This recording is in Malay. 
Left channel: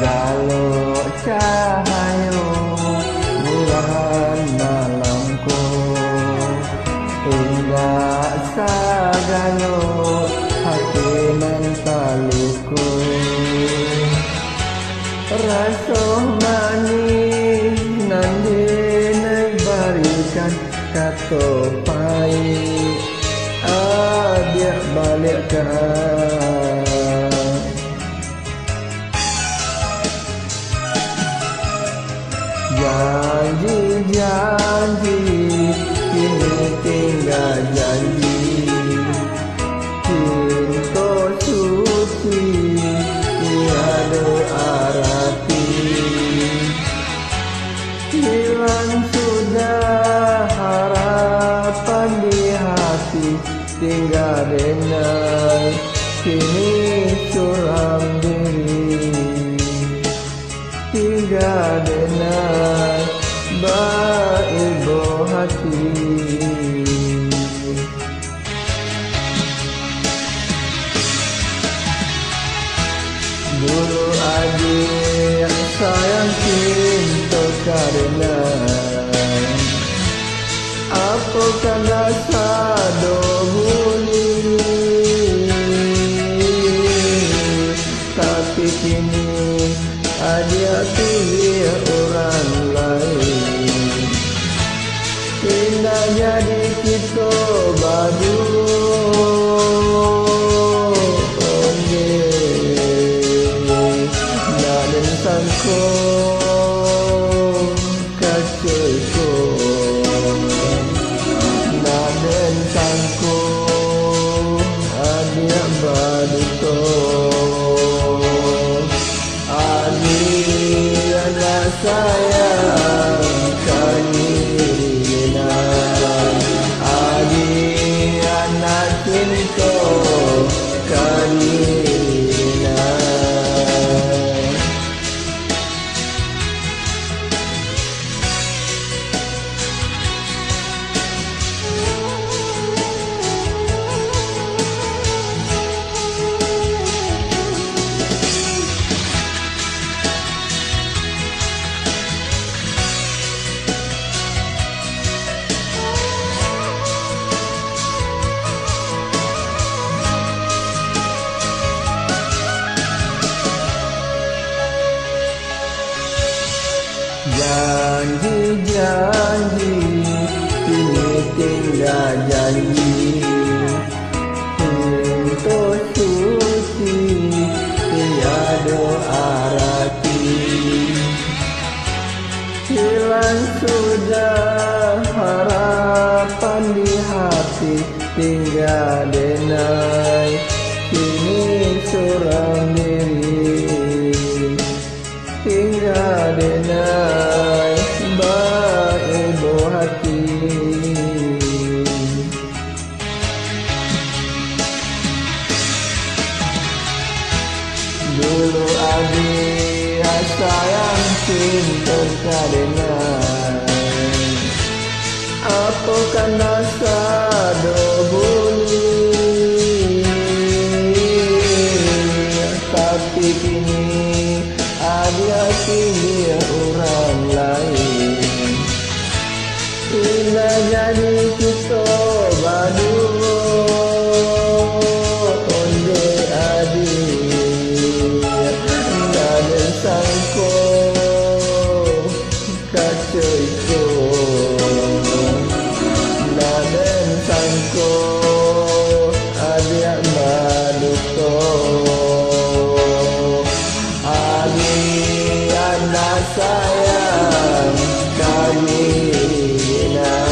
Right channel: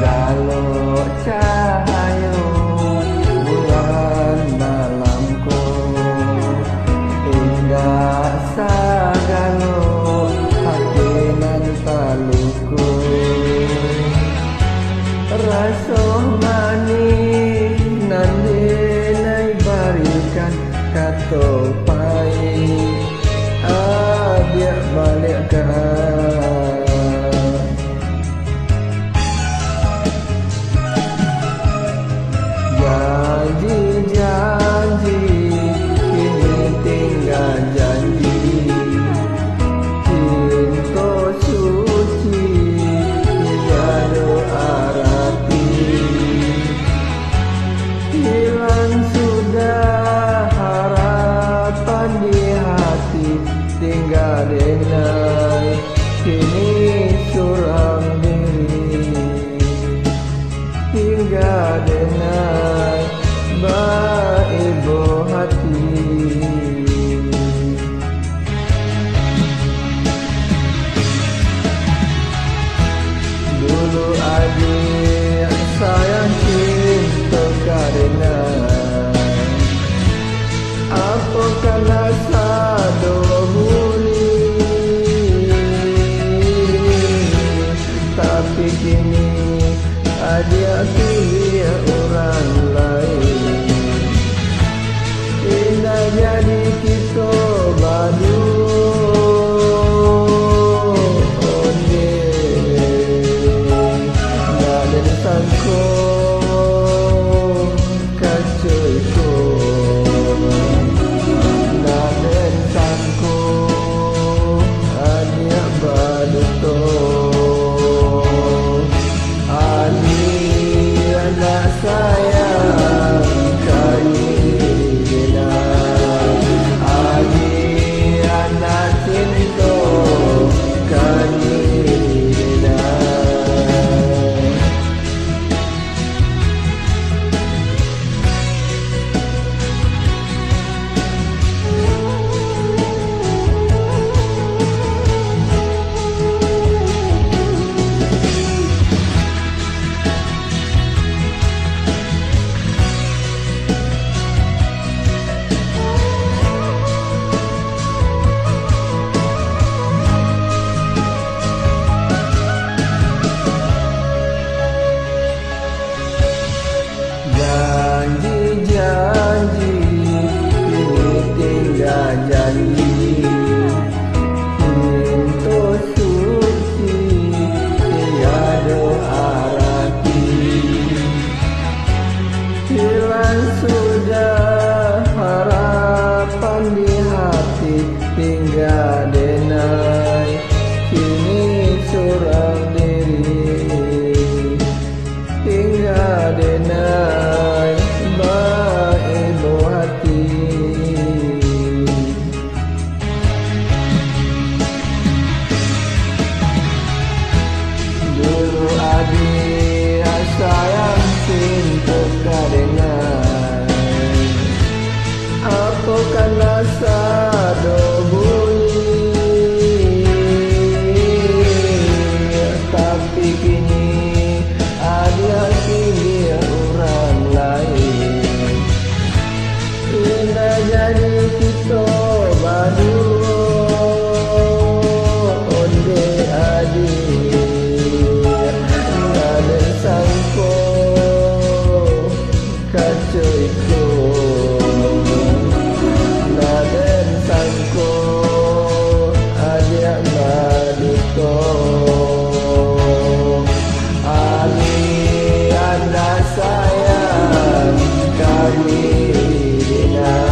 Galau cahayu bulan malamku, indah sagalo hati nan taluku. Rasa manis nan dinai barikan kato pai, dia balikkan. Janji-janji kini tinggal janji, cinta suci tiada arti. Hilang sudah harapan di hati, tinggal denai kini suram diri. Tinggal denai baibo hati. Dulu adik sayang cinta karenai, apakah rasa dohuli. Tapi kini dia pilih orang lain. Indah jadi kita badu onde nak den sangko kacoiko, nak den sangko adia badu to. Adi anak sayang kadiri genai, adi anak cinta kadiri genai. Janji-janji kini tinggal janji, cinta suci tiada arti. Hilang sudah harapan di hati, tinggal denai kini suram diri. Tinggal denai baibo hati. Dulu adik sayang cinta kadenai, apakah rasa dobuli. Tapi kini dia pilih orang lain. Indah jadi kita badu onde adik nak den sangko kacoiko, nak den sangko adik badu to. Anak sayang kadiri genai.